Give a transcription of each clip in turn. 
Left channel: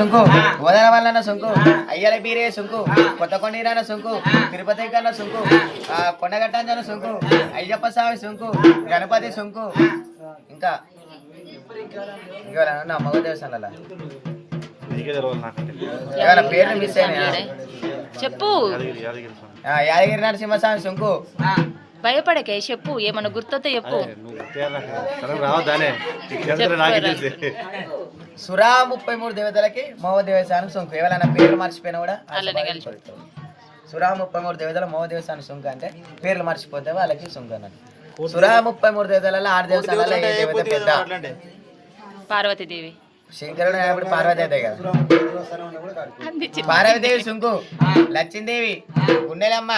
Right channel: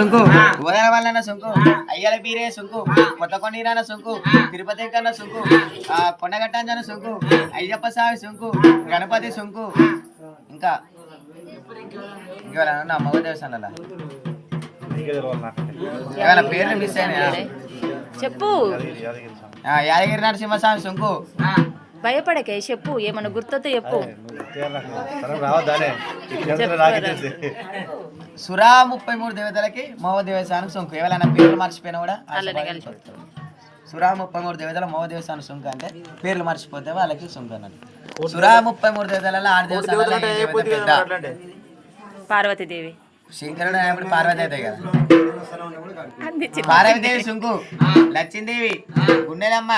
సుంకు గోదావరి వల్ల సుంకు అయ్యల బీరే సుంకు కొత్తకొండీరాన సుంకు తిరుపతి కన్నా సుంకు కొండగట్టాంజన సుంకు అయ్యప్ప స్వామి సుంకు గణపతి సుంకు ఇంకా ఇంకా మగ దేవస్థానాల పేర్లు మిస్ అయినాయి చెప్పు. యాదగిరి నరసింహస్వామి సుంకు భయపడకే చెప్పు, ఏమన్నా గుర్తొస్తే చెప్పు. సురా 33 దేవతలకి మోవ దేవస్థానం సుంకు. ఎవరైనా పేర్లు మర్చిపోయినా కూడా అలానే కలిసి సురా 33 దేవతల మోవ దేవస్థానం సుంకు అంటే పేర్లు మర్చిపోతే వాళ్ళకి సుంకు అన్నట్టు. సురా 33 దేవతలలో 6 దేవతలు పార్వతీదేవి, శంకరుడు అయినప్పుడు పార్వతీదేవి కదా. పార్వతీదేవి సుంకు, లక్ష్మీదేవి, గుండెలమ్మ,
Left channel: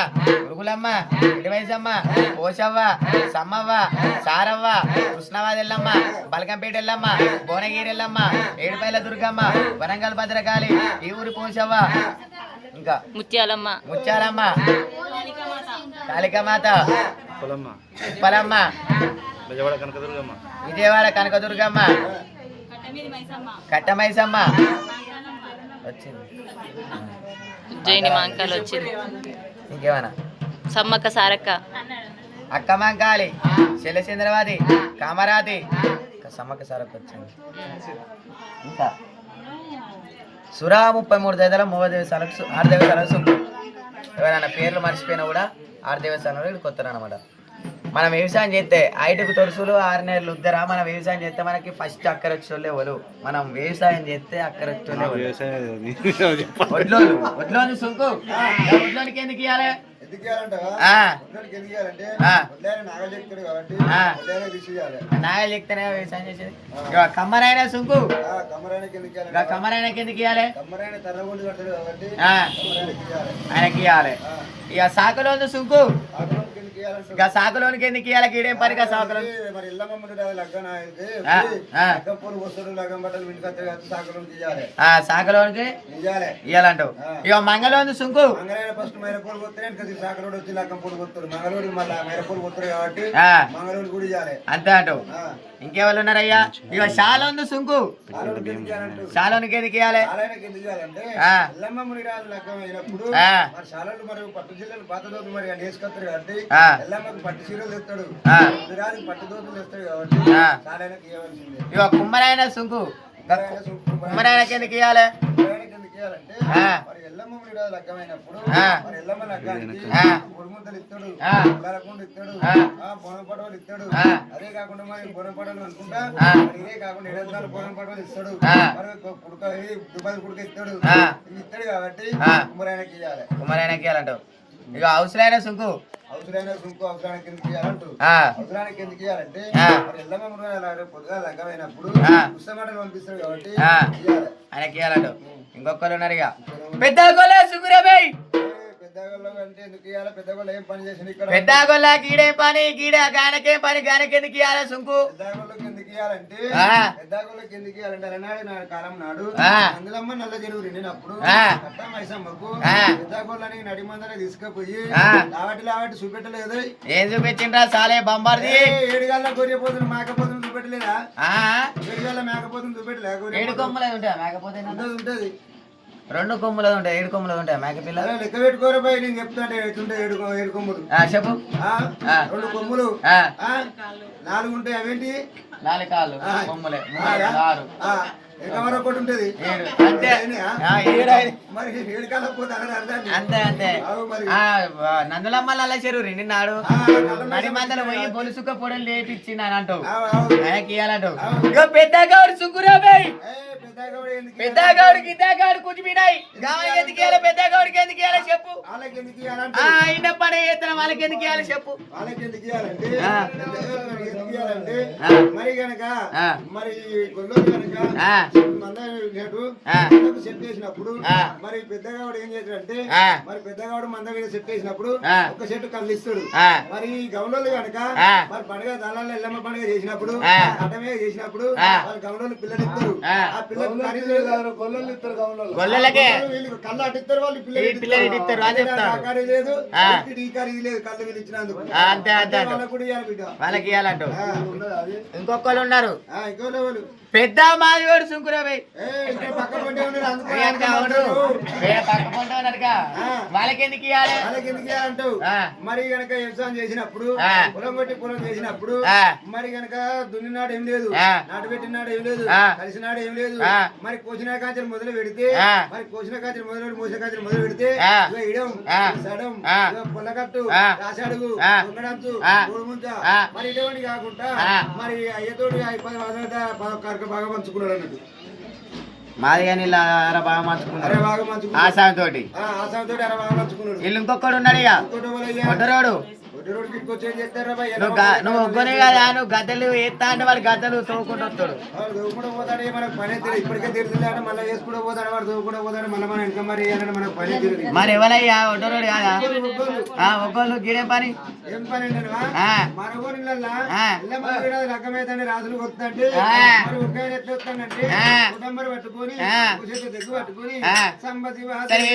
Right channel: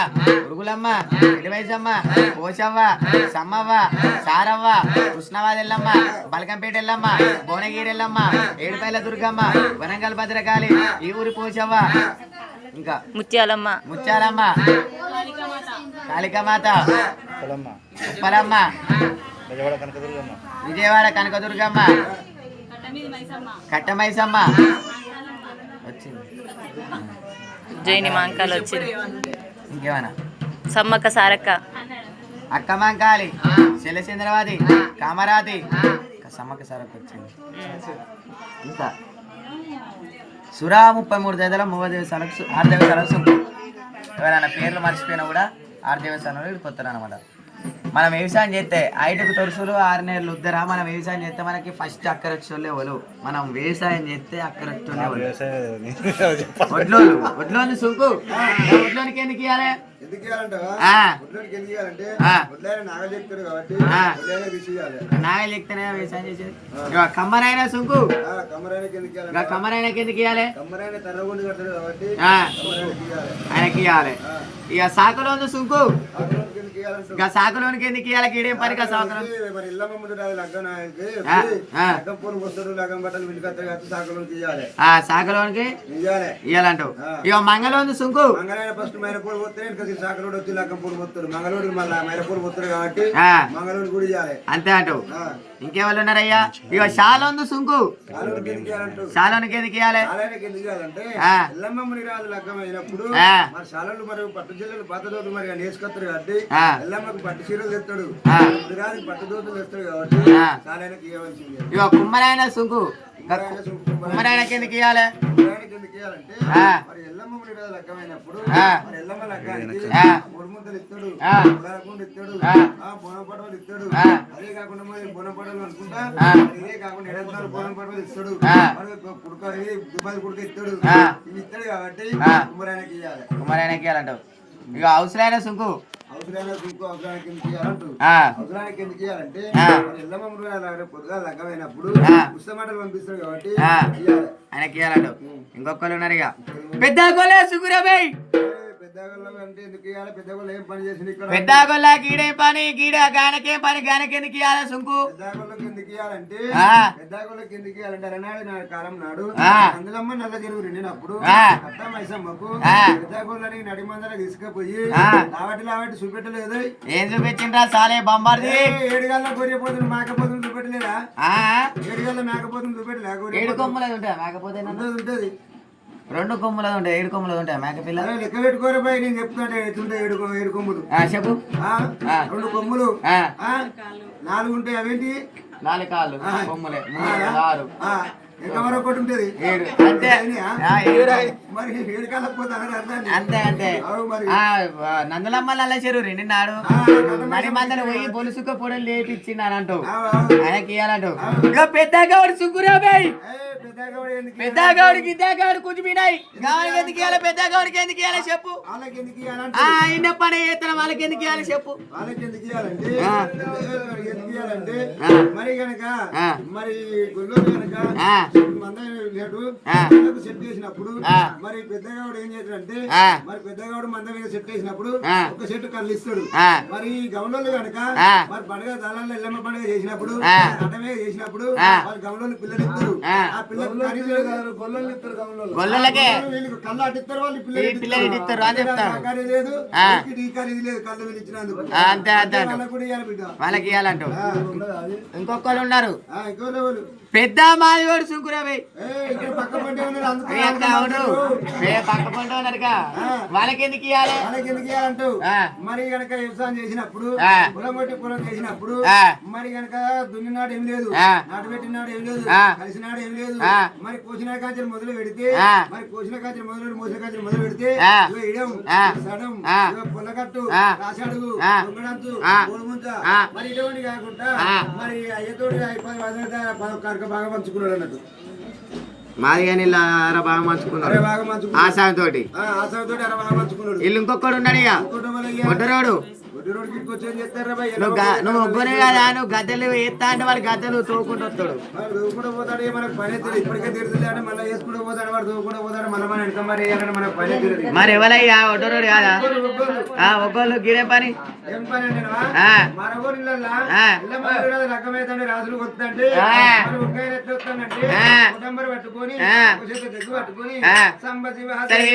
ఉరుగులమ్మ, ఇడివైసమ్మ, పోషవ్వ, సమ్మవ్వ, సారవ్వ, కృష్ణవాదెల్లమ్మ, బలకంపేట ఎల్లమ్మ, భువనగిరి ఎల్లమ్మ, ఏడుపైల దుర్గమ్మ, వరంగల్ భద్రకాళి, ఈ ఊరి పోషవ్వ, ఇంకా ముత్యాలమ్మ, కాళికామాత, పలమ్మ, విజయవాడ కనకదుర్గమ్మ, కట్టమైసమ్మ వచ్చింది, జైని మాంకాలు వచ్చింది, ఇంకేమైనా సమ్మక్క సారక్క, అక్కమంకాలి, శైలచంద్రవాది, కామరాతి, సమ్మక్క సారక్క వచ్చింది. ఇంకా సురా 33 దేవతల మూవ దేవస్థానాలకు 6 దేవస్థానాలకు సుంకు. ఎవరైనా పేర్లు మర్చిపోయినా కూడా 6 దేవస్థానాలు వీడికి కొత్తారు అనమాట. మనం వ్యవసాయం చేస్తే 5కు తొడుసులు 6 నెలలు ఉద్దరా. మనం వ్యవసాయం చేస్తే మనకి ఫస్ట్ అక్కరక్షోళ్ళే ఎవరు. మనం వ్యవసాయం చేస్తే అక్కరక్షోళ్ళే వడ్లోని సుంకు. వడ్లోనికి ఎందుకు ఇవ్వాలి? నాగలు చెప్తేనే వ్యవసాయం చేసేది. కమ్మరైనా సుంకు, కమ్మరైనా ఎందుకు ఇవ్వాలి? ఆయనకి ఇవ్వాలి. ఇక సాకులో సుంకు, ఇక సాకులోనికి ఎందుకు ఇవ్వాలి? కీడేం పనిగా సాకులో సాకులోనికి ఇవ్వాలంటావు. ఇక మంగళోని సుంకు, అంతే అంటావు. ఇంకెవరు ఉన్నారయ్యా? ఇక శాలోని సుంకు, శాలోనికి ఎందుకు ఇవ్వాలి? పట్టు జిల్లాలు పాత దోతులు మరి నేసుకొస్తారు కాబట్టి ఎల్లమ్మకు పట్టు చీరలు తెస్తాడు, పట్టు దోతులు తెస్తాడు కాబట్టి చాలానికి ఇవ్వాల్సిందే. ఇక కుమ్మరైన సుంకు, కుమ్మరైనకి ఎందుకు ఇవ్వాలి? అంటే మరి ఎల్లమ్మ లగ్గమైనప్పుడు మరి ఎల్లమ్మ లగ్గానికి ముడుముద్దలు ఇస్తాడు, ఉలరకుండు ఇస్తాడు, బోనపడవలు ఇస్తాడు. అదే కాకుండా మరి బోనపడవలు అనుకుంటా ఇదే కాకుండా 7 బోనపడవలు ఇస్తాడు, మరి కుడుక దుబాయ్ కుడుక ఇస్తాడు. ఇవి ఇస్తాడు కాబట్టి కుమ్మరాయనకి ఇవ్వాలి. కుమ్మరాయనకి ఇవ్వాలంటావు. ఇక అవసరమైన సుంకు, అవసరానికి సుంకు అవసరానికి ఎందుకు ఇవ్వాలంటారు? అవసరానికి ఎందుకు ఇవ్వాలంటే ఎల్లమ్మ పొద్దుగా లగ్గమైనప్పుడు పుస్తమాటలు పంపిస్తాడు కాబట్టి ఇవ్వాలి, ఆయనకి ఇవ్వాలంటావు. ఇంకొకరు ఉన్నారు ఇక పెద్ద గొల్ల సుగురబాయ్. పెద్ద గొల్ల గీడేం పని, గీడ గానకేం పని, గానకి ఎందుకు ఇవ్వాలి సుంకు? ఎందుకు ఇవ్వాలంటే పెద్దగొల్లకి ఎందుకు ఇవ్వాలంటే అలనాడు నాడు కాలం నాడు అందులమ్మ నల్ల చెరువు రెండినప్పుడు మైసమ్మకు పెద్దగొల్లని నడి మందర తీసుకుపోయి లావటి చూపెట్టలేదు. ఏం చూపించిండ్రా సాలే బొమ్మార్ది? 7 గల్ల గొర్రెపోతులు మేకపోతులు చూపెట్టలేదా? 7 గల్ల మేకపోతులు చూపెట్టలే? 7 కొమ్ములు ఉంటాయి మేకపోతే ఉంటది, 2 కొమ్ములు ఉంటాయి, 7 కొమ్ములు ఉంటాయి మేకపిల్ల. లెక్క పెట్టుకోరబాయి, నేను చెప్తుంటే 7 కొమ్ములు చెప్పు. 2 కొమ్ములు 4 ఉంటాయి. అవేంటి? 4 కాళ్ళు కొమ్ములే. 6 ఎంకమర ఒకటి ఉంటది. మరి 7 కాళ్ళకు పోతే అంతే అంతే. నందులమ్మ నల్ల చెరువు నిన్నాడు మరి మందలు పోయి పొలుసుక పొడలు లేపించింది అంటావు. ఆయనకి ఇవ్వాలంటావు. ఇక పెద్దగౌడు సుగ్గురాబాయ్, పెద్దగౌడు గిద్దగౌడు కూర్చుమినాయి. దానికి ఎందుకు ఇవ్వాలి? పెద్దగౌడికి ఎందుకు ఇవ్వాలి చెప్పు? ఆయన పని చేస్తాను వాళ్ళకి ఎందుకు ఇవ్వాలి చెప్పు? వాళ్ళకి ఎందుకు ఇవ్వాలంటే మరి కనుక మరి గొల్లు కనుక మందకు సెట్ చేసినప్పుడు మరి పెద్దగాడు ఏం చేస్తాడంటే మరి పెద్దగాడు మంద మీద సెట్ చేసినప్పుడు ఒక చెట్టు కళ్ళు ఇస్తాడు. మరి గమలోళ్ళు కనుక మరి పండుగ దళాల్లో ఎల్లమ్మ పండుగ చేసినప్పుడు అటమే చేసినప్పుడు వాళ్ళు గమలోళ్ళు పిల్లలు ఇస్తారు. ఆ పిల్లలు గొల్లలు ఇస్తారు. గమలోళ్ళకే కళ్ళు అట్టిస్తారు, వాళ్ళు పిల్లలు ఇస్తారు అని చెప్తారు. లేదు ఇది లేదు, కళ్ళు వీళ్ళు ఇచ్చినందుకు అంతే అంతే వాళ్ళకి ఇవ్వాలంటూ. ఇంకొకళ్ళు ఉన్నారు పెద్ద మాదిగోడు సుంకురాబాయ్. పక్క పంట ప్రియాంక అవును పక్క పంట ఉన్నారుగా వాళ్ళకి ఎందుకు ఇవ్వాలి వాళ్ళకి ఎందుకు ఇవ్వాలంటావు ఆ. మరి గనక వ్యవసాయం చేసినప్పుడు ఆ. పొలం కొట్టి పొలం చేసినప్పుడు ఆ. మరి గనక దున్నినాడు ఏం లేదు ఆ. నాటు పెట్టినాడు ఏం లేదు ఆ. కలిసినాడు ఏం లేదు ఆ. మరి కోసిన కాంచెలు మొదలు పెడితే ఆ. మరి కోసిన కాంచెలు మొదలు మోసిన కాంచెలు మొదలు పెడితే ఆ. ఇగో ఇడం ఆ. ఇగో సడం ఆ. ఇగో పొల్లకట్టు ఆ. రాసాడుగు ఆ. దొంగడంతు ఆ. గోడుముంచ ఆ. మరి ఇటువంటి కాకుండా ఆ. మరి అయ్యతోటి కరక బాగా పంచుకున్నాడు అన్నట్టు మాది కానీ ఇలా బాగా మంచుకున్నారు బాగా పంచుకున్నాడు ఆశాతోటి ఆ సంతోటి అర బాగా పంచుకున్నాడు వీళ్ళు ఇంకొకడు ఉన్నాడు ఇక ఇంకోటి వాళ్ళయ్యా, కొట్టరోడు ఒడ్డు రోడ్డుకి ఇంకొచ్చి ఏం చేస్తారా భయ్? నువ్వు ఒక్కనే కదా నువ్వు గద్దెలు ఎత్తా అంటే వాడు గద్దెలు తోకుంటూ వస్తాడు వాడు దూకుండా పోతాడు మనకు పని తెలియదు ఇప్పటికే తిరుగుతుంది అంటే మళ్ళీ వేసుకుంటూ పోతాడు వాడు దూకుండా పోతాడు మళ్ళీ మన వెనక మరి వేయాలని మనకు పని తెలియదు మరి ఎవరయ్యా ఒట్టరోడు కాదా ఒక్కళ్ళు గిడే పని ఏం పని అంటే ఆ. మరొకరు ఆ. రకమైతే రాజులు వస్తుందంటే ఆ. మరి ఒక్కైనా ఎట్లా వస్తానంటే ఆ. కుటుంబం పట్టుకొని ఆ. ఒక చేత జగ్గు పట్టుకొని ఆ. సంబ శివ సరే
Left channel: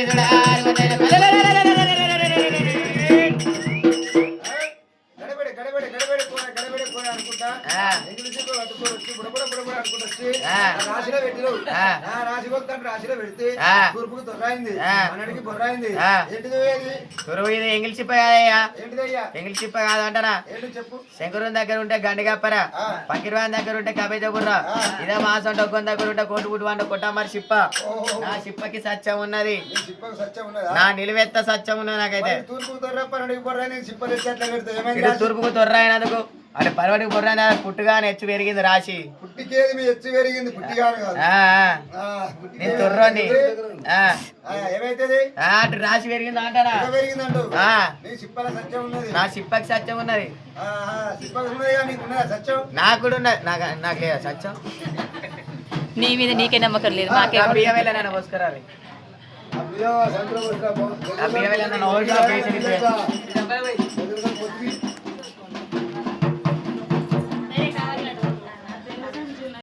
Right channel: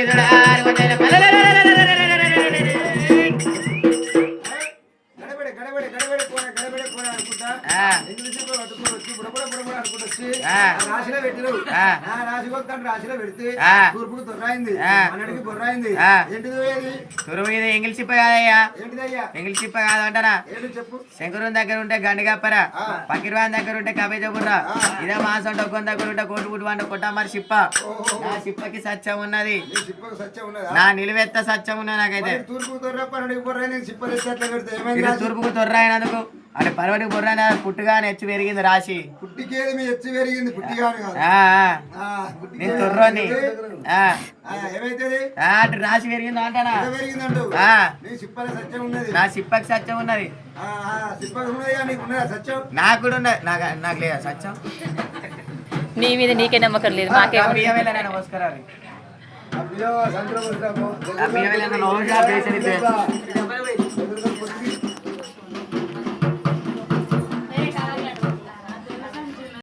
గడబడి గడబడి గడబడి గడబడి పోరా అనుకుంటా ఆ. ఎందుకు చెప్పి పట్టుకొని వచ్చి బుడబుడ అనుకుంటూ వచ్చి ఆ. రాశిలో పెట్టినావు ఆ. రాశి కొత్తాను రాశిలో పెడితే ఆ. తూర్పుకు దొర్రాయింది ఆ. అన్నటికి బొర్రాయింది ఆ. ఏంటిది ఏది సురువు ఇది ఎంగిల్ చిప్ప కాదయ్యా ఏంటిదయ్యా ఎంగిల్ చిప్ప కాదు అంటారా ఏంటి చెప్పు శంకరుని దగ్గర ఉంటే గండిగప్పరా ఆ. పకిర్వాన్ దగ్గర ఉంటే కబేజ బుర్ర ఆ. ఇదే మాసం డొక్కని దగ్గర ఉంటే కోటు పుట్టు వంట కొట్ట మరి చిప్ప ఓహో. నా చిప్పకి సత్యం ఉన్నది నీ చిప్పకు సత్యం ఉన్నదా నా నిలువెత్త సత్యం ఉన్నది నాకైతే మరి తూర్పుకు దొర్రప్ప అన్నటికి బొర్రాయింది చిప్పలు ఎత్తి అట్లా పెడితే ఏమైంది ఇది రాశి? తూర్పుకు తొర్రైనందుకు అంటే పర్వటికి బుర్ర పుట్టుగా నెచ్చు పెరిగింది రాశి పుట్టికేది మీ ఎచ్చి పెరిగింది పుట్టిగాని కాదు ఆ, ఆ. ఆ, పుట్టికే నేను తొర్రోని ఆ, ఏమైతుంది ఆ, అటు రాశి పెరిగింది అంటారా ఎంత పెరిగిందంటూ ఆ. నీ చిప్పల సత్యం ఉన్నది నా చిప్పకి సత్యం ఉన్నది చిప్పలు ఉన్నది కానీ నీకు ఉన్నదా సత్యం నాకు కూడా ఉన్నది నాకు లేదా సత్యం నీ మీద నీకే నమ్మకం లేదు మాకే నమస్కారాలు అయ్యో సంక్రమిస్తాము అభియవేళ నమస్కారం